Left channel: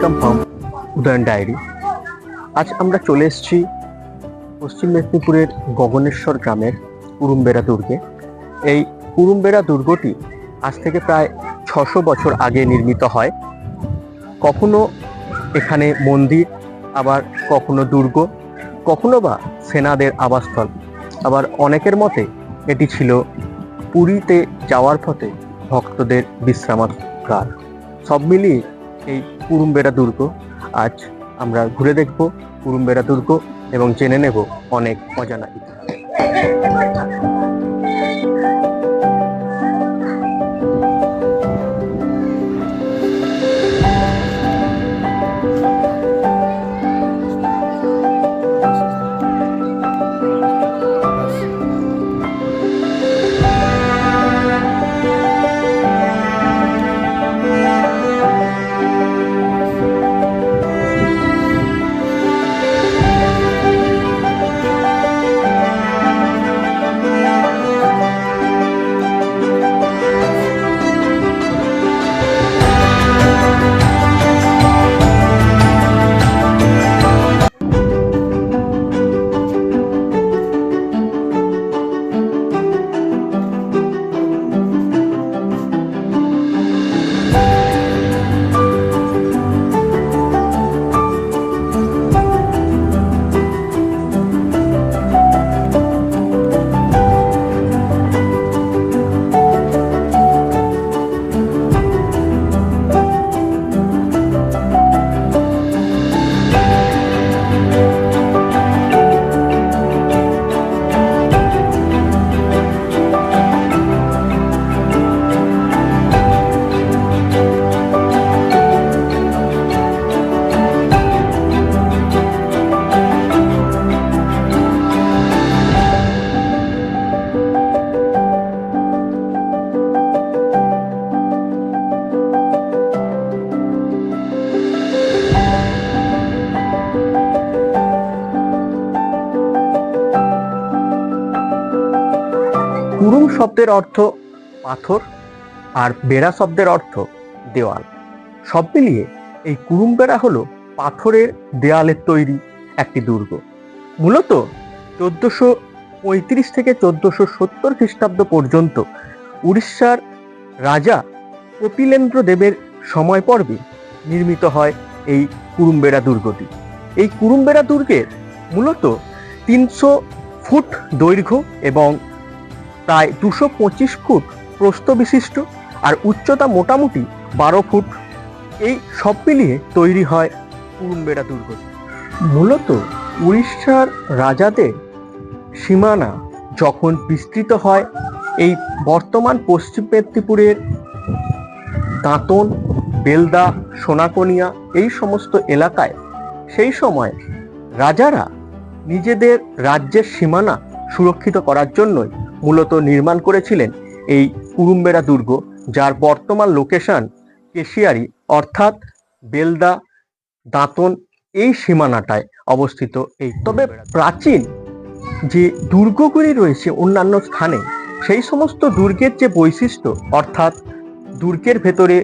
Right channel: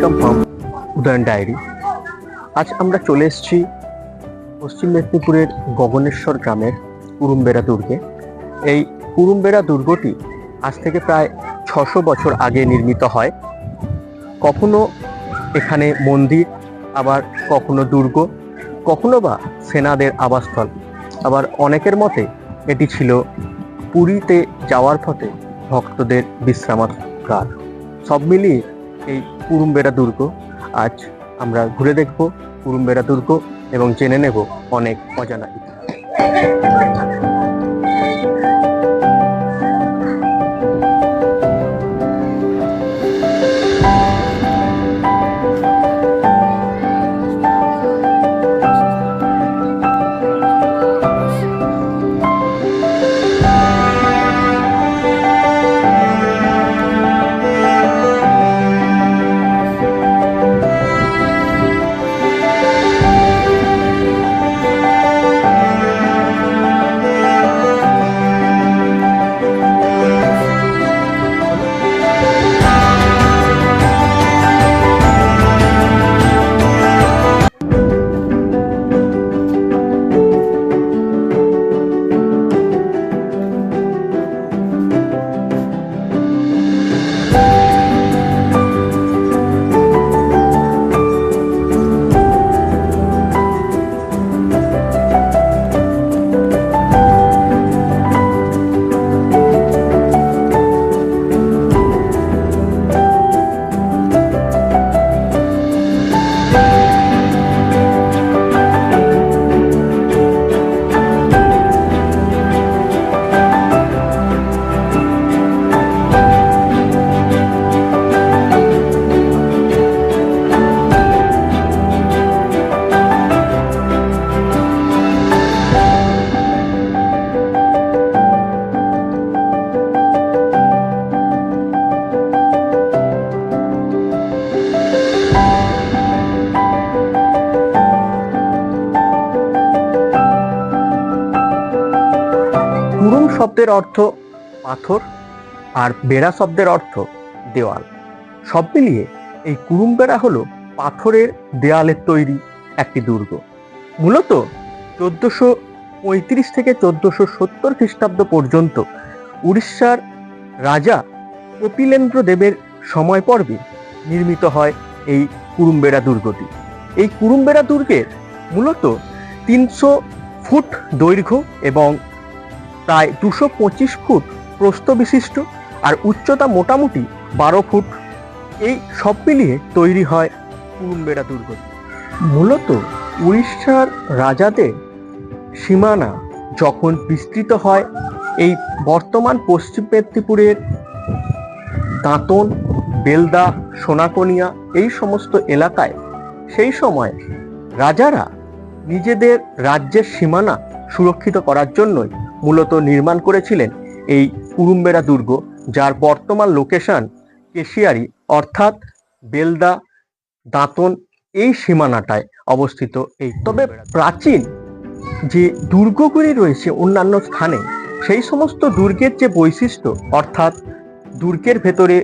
Welcome from Udayan diary আজ আমরা চলে এসেছি পশ্চিম মেদিনীপুরের গগনেশ্বর গ্রামের কুরুম্বেরা দুর্গে। এই কুরুম্বেরা দুর্গটি আজ থেকে প্রায় ছশো বছর আগে নির্মিত হয়। কখনো এখানে মন্দির, আবার কখনো দুর্গ, কখনো বা সেনাদের আবাসস্থল। আবার অনেকের মতে এটি ছিল পুরীতে যাওয়ার পথে ভক্তদের বিশ্রামাগার সব মিলিয়ে এই কুরুম্বেরা দুর্গ। আজ আমরা ঘুরে দেখব কুরুম্বেরা দুর্গ এবং জেনে নেব অনেক অজানা ইতিহাস। কুরুম শব্দের অর্থ পাথর আর বেড়া শব্দের অর্থ দেওয়াল। সব মিলিয়ে এই কুরুম বেড়া হলো পাথরের দেওয়ালের তৈরি একটি দুর্গ। মূলত চোদ্দশো পঁয়ত্রিশ থেকে চোদ্দশো সত্তর খ্রিস্টাব্দ পর্যন্ত উড়িষ্যার রাজা কপিলেন্দ্র দেবের সময় পর্বে নির্মিত হয় এই কুরুম্বেড়া দুর্গটি। এই কুরুম্বেড়া দুর্গের মূলত তিনশো ফুট দৈর্ঘ্য এবং প্রায় দুশো পঁচিশ ফুট প্রস্থ বিশিষ্ট আর উচ্চতা মোটামুটি বারো ফুট। এই সব মিলিয়ে তৈরি হয় কুরুম্বেড়া দুর্গ। মূলত উড়িষ্যার রাজাদের সীমানা যখন বিস্তৃত হয়, এই বর্তমান পশ্চিম মেদিনীপুরের দাঁতন, বেলদা, সোনাকনিয়া এই সমস্ত এলাকায় সেই সময় রাজারা নিজেদের রাজ্যের সীমানা সুরক্ষিত করার জন্যই মূলত নির্মাণ করেছিলেন এই কুরুম্বেরা দুর্গ, যার বর্তমান লোকেশন কেশিয়ারি, অর্থাৎ বেলদা, দাঁতন এই সীমানাটায় অবস্থিত এই তবে প্রাচীন যে দুর্গগুলি রয়েছে অন্যান্য স্থানে, সেই সমস্ত দুর্গের যে বৈশিষ্ট্য, অর্থাৎ দুর্গের ভেতরে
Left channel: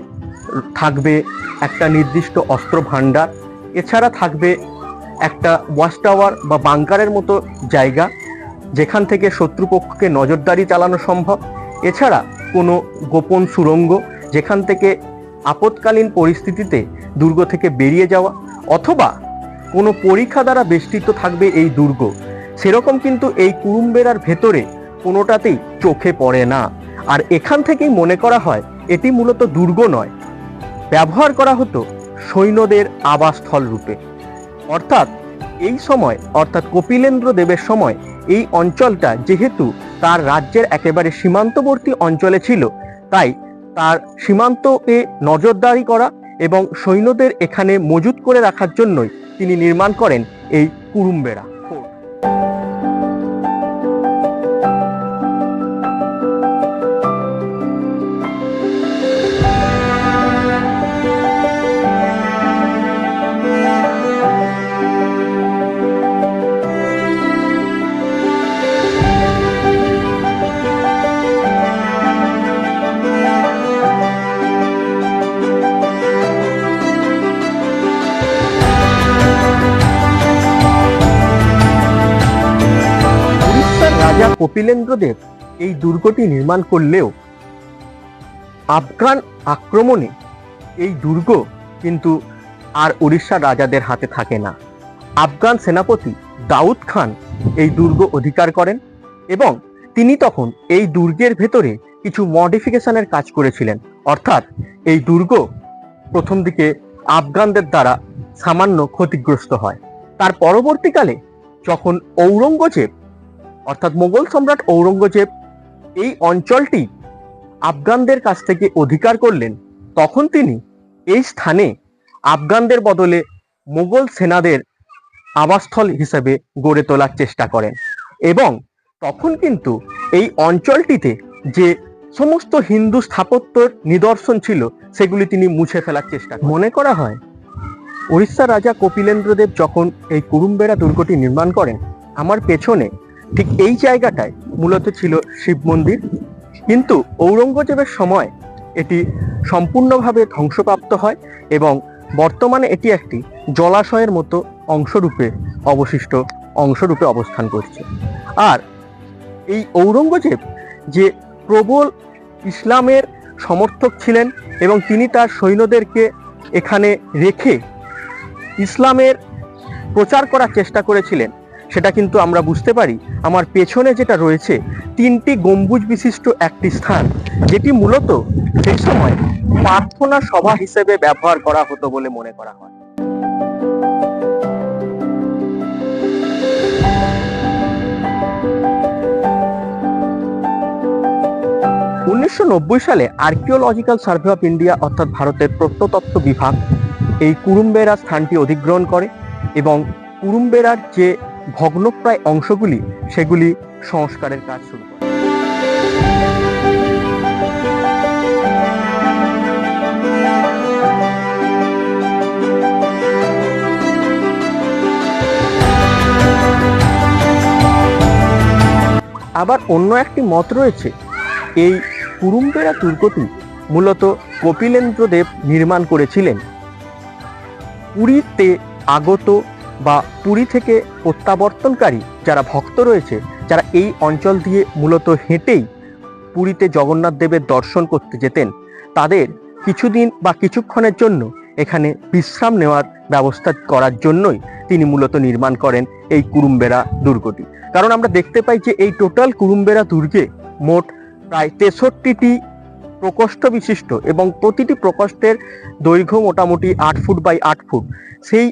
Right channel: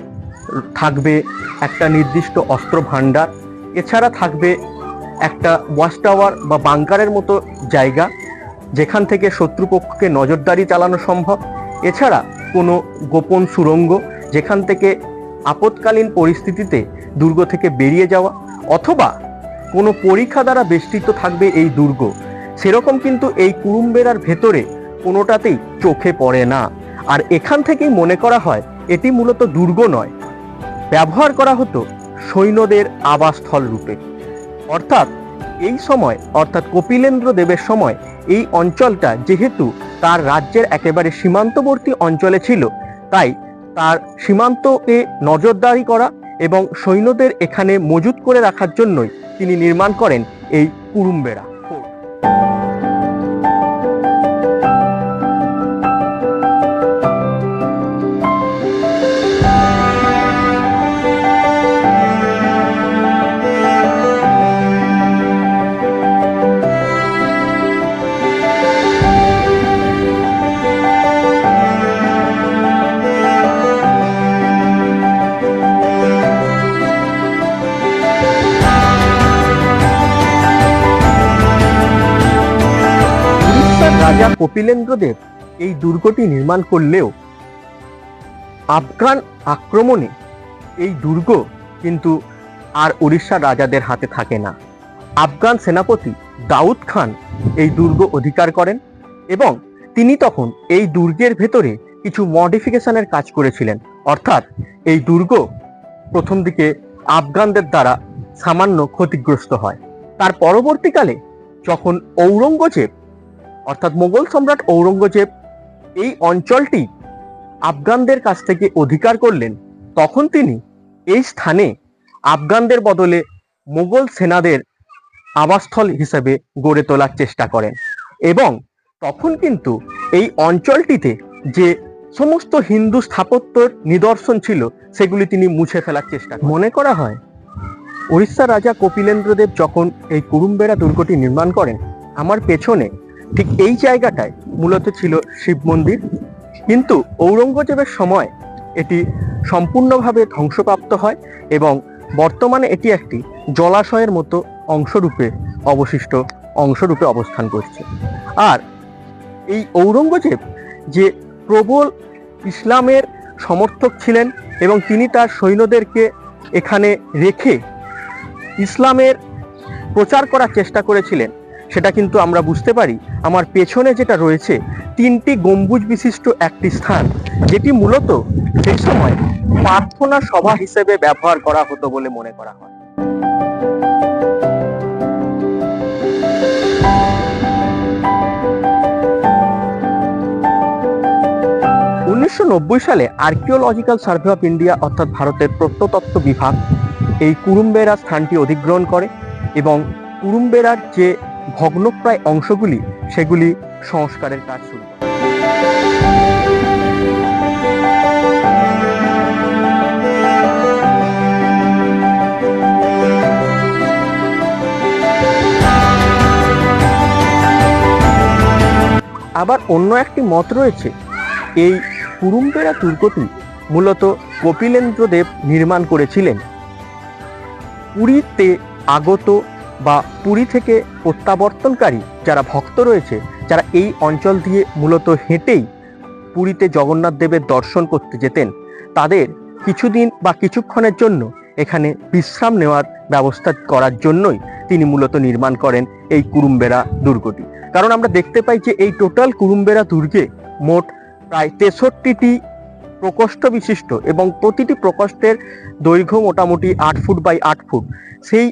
থাকবে একটা নির্দিষ্ট অস্ত্র ভাণ্ডার এছাড়া থাকবে একটা ওয়াচ টাওয়ার বা বাংকারের মতো জায়গা যেখান থেকে শত্রুপক্ষকে নজরদারি চালানো সম্ভব। এছাড়া কোনো গোপন সুরঙ্গ যেখান থেকে আপৎকালীন পরিস্থিতিতে দুর্গ থেকে বেরিয়ে যাওয়া অথবা কোনো পরীক্ষা দ্বারা বেষ্টিত থাকবে এই দুর্গ। সেরকম কিন্তু এই কুরুম্বেরার ভেতরে কোনোটাতেই চোখে পড়ে না। আর এখান থেকেই মনে করা হয়, এটি মূলত দুর্গ নয়। ব্যবহার করা হতো সৈন্যদের আবাসস্থল রূপে। অর্থাৎ এই সময়, অর্থাৎ কপিলেন্দ্র দেবের সময় এই অঞ্চলটা যেহেতু তার রাজ্যের একেবারে সীমান্তবর্তী অঞ্চলে ছিল, তাই তার সীমান্তকে নজরদারি করা এবং সৈন্যদের এখানে মজুত করে রাখার জন্যই তিনি নির্মাণ করেন এই কুরুম্বেরা। রাজা কপিলেন্দ্রদেব এই দুর্গটি নির্মাণ করলেও আফগান আক্রমণে এই দুর্গ কিন্তু আর উড়িষ্যার রাজাদের হাতে থাকে না। আফগান সেনাপতি দাউদ খান এই দুর্গ অধিকার করেন এবং তিনি তখন এই দুর্গের ভেতরে কিছু মডিফিকেশনের কাজ করেছিলেন। অর্থাৎ এই দুর্গ প্রথম দিকে আফগানদের দ্বারা সামান্য ক্ষতিগ্রস্ত হয়। তার পরবর্তীকালে যখন ঔরঙ্গজেব অর্থাৎ মোগল সম্রাট ঔরঙ্গজেব এই অঞ্চলটি আফগানদের কাছ থেকে অধিকার করলেন, তখন তিনি এই স্থানে আফগানদের বদলে মোগল সেনাদের আবাসস্থল হিসেবে গড়ে তোলার চেষ্টা করেন। এবং তখন কিন্তু এই অঞ্চলটিতে যে সমস্ত হিন্দু স্থাপত্যের নিদর্শন ছিল, সেগুলি তিনি মুছে ফেলার চেষ্টা মনে করা হয় উড়িষ্যার রাজা কপিলেন্দ্রদেব যখন এই কুরুম্বেরা দুর্গটি নির্মাণ করেন, আমার পেছনে ঠিক এই জায়গাটায় মূলত ছিল শিব মন্দির। কিন্তু ঔরঙ্গজেবের সময় এটি সম্পূর্ণভাবে ধ্বংসপ্রাপ্ত হয় এবং বর্তমানে এটি একটি জলাশয়ের মতো অংশরূপে অবশিষ্ট অংশরূপে অবস্থান করছে। আর এই ঔরঙ্গজেব যে প্রবল ইসলামের সমর্থক ছিলেন এবং তিনি তার সৈন্যদেরকে এখানে রেখে ইসলামের প্রচার করার চেষ্টা করেছিলেন সেটা কিন্তু আমরা বুঝতে পারি। আমার পেছনে যেটা রয়েছে, তিনটি গম্বুজ বিশিষ্ট একটি স্থান, যেটি মূলত সেই সময় প্রার্থনা সভা হিসেবে ব্যবহার করা হতো বলে মনে করা হয়। উনিশশো নব্বই সালে আর্কিওলজিক্যাল সার্ভে অফ ইন্ডিয়া অর্থাৎ ভারতের প্রত্নতত্ত্ব বিভাগ, এই কুরুম্বেরা স্থানটি অধিগ্রহণ করে এবং কুরুম্বেরার যে ভগ্নপ্রায় অংশগুলি সেগুলি সংস্কারের কাজ শুরু করে। আবার অন্য একটি মত রয়েছে। এই কুরুম্বেরা দুর্গটি মূলত কপিলেন্দ্রদেব নির্মাণ করেছিলেন। পুরীতে আগত বা পুরী থেকে প্রত্যাবর্তনকারী যারা ভক্ত রয়েছে, যারা এই অঞ্চল দিয়ে মূলত হেঁটেই পুরীতে জগন্নাথ দেবের দর্শন করতে যেতেন, তাদের কিছুদিন বা কিছুক্ষণের জন্য এখানে বিশ্রাম নেওয়ার ব্যবস্থা করার জন্যই তিনি মূলত নির্মাণ করেন এই কুরুম্বেরা দুর্গটি। কারণ আমরা দেখতে পাই যে এই টোটাল কুরুম্বেরা দুর্গে মোট প্রায় তেষট্টিটি প্রকোষ্ঠ বিশিষ্ট এবং প্রতিটি প্রকোষ্ঠের দৈর্ঘ্য মোটামুটি আট ফুট বাই আট ফুট। সেই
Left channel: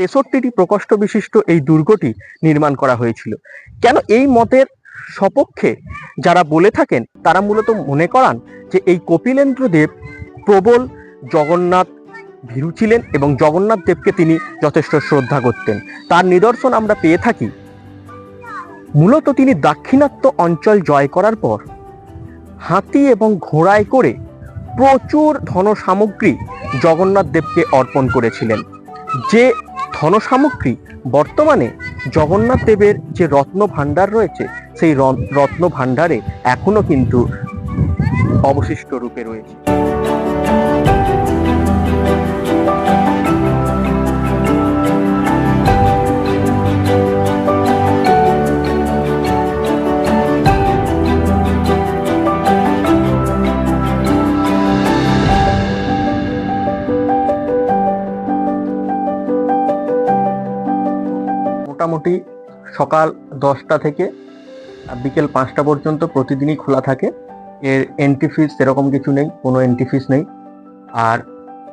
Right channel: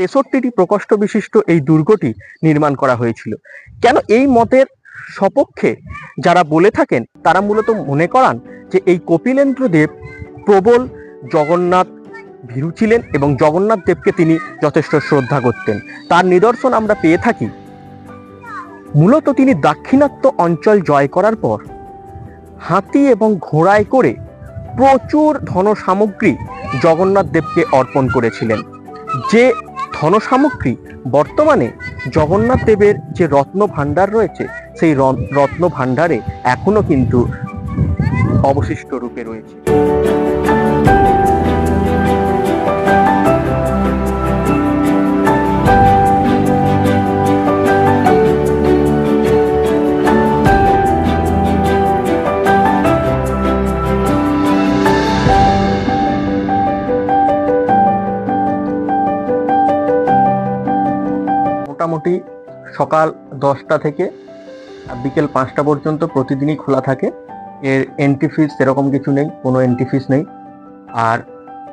তেষট্টিটি প্রকোষ্ঠ বিশিষ্ট এই দুর্গটি নির্মাণ করা হয়েছিল। কেন এই মতের সপক্ষে যারা বলে থাকেন, তারা মূলত মনে করান যে এই কপিলেন্দ্র দেব প্রবল জগন্নাথ ভীরু ছিলেন এবং জগন্নাথ দেবকে তিনি যথেষ্ট শ্রদ্ধা করতেন। তার নিদর্শন আমরা পেয়ে থাকি। মূলত তিনি দাক্ষিণাত্য অঞ্চল জয় করার পর হাতি এবং ঘোড়ায় করে প্রচুর ধন সামগ্রী জগন্নাথ দেবকে অর্পণ করেছিলেন, যে ধন সামগ্রী বর্তমানে জগন্নাথ দেবের যে রত্ন ভাণ্ডার রয়েছে, সেই রত্ন ভাণ্ডারে এখনও কিন্তু অবশিষ্ট রূপে রয়েছে। মোটামুটি সকাল দশটা থেকে বিকেল পাঁচটা পর্যন্ত প্রতিদিনই খোলা থাকে। এর এন্ট্রি ফিস সেরকম কিছু নেই, কোনো এন্ট্রি ফিস নেই। আর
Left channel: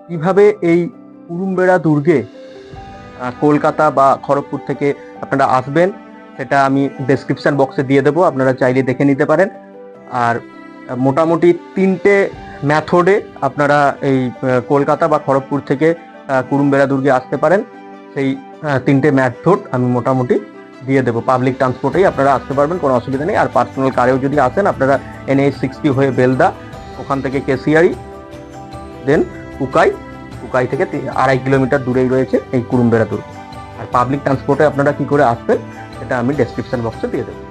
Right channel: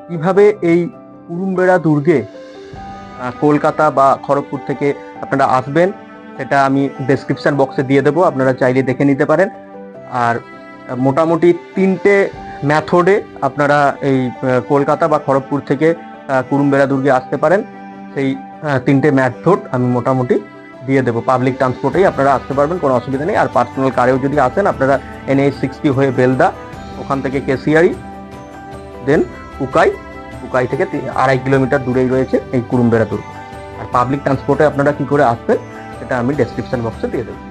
কীভাবে এই কুরুম্বেড়া দুর্গে কলকাতা বা খড়গপুর থেকে আপনারা আসবেন, সেটা আমি ডেসক্রিপশন বক্সে দিয়ে দেবো, আপনারা চাইলে দেখে নিতে পারেন। আর মোটামুটি তিনটে ম্যাথডে আপনারা এই কলকাতা বা খড়গপুর থেকে কুরুম্বেড়া দুর্গে আসতে পারেন। সেই আহ, তিনটে ম্যাথড আমি মোটামুটি দিয়ে দেবো। পাবলিক ট্রান্সপোর্টেই আপনারা আসতে পারবেন কোনো অসুবিধা নেই। আর পার্সোনাল কারেও যদি আসেন আপনারা এনএইচ সিক্সটি হয়ে বেলদা ওখান থেকে কেসিয়ারি দেন উকাই উকাই থেকে আড়াই কিলোমিটার দূরেই রয়েছে এই কুরুম্বেরা দুর্গ। আর পাবলিক ট্রান্সপোর্টে আপনারা কি করে আসবেন সেটা আমি ডেসক্রিপশন বক্সে দিয়ে দেবো।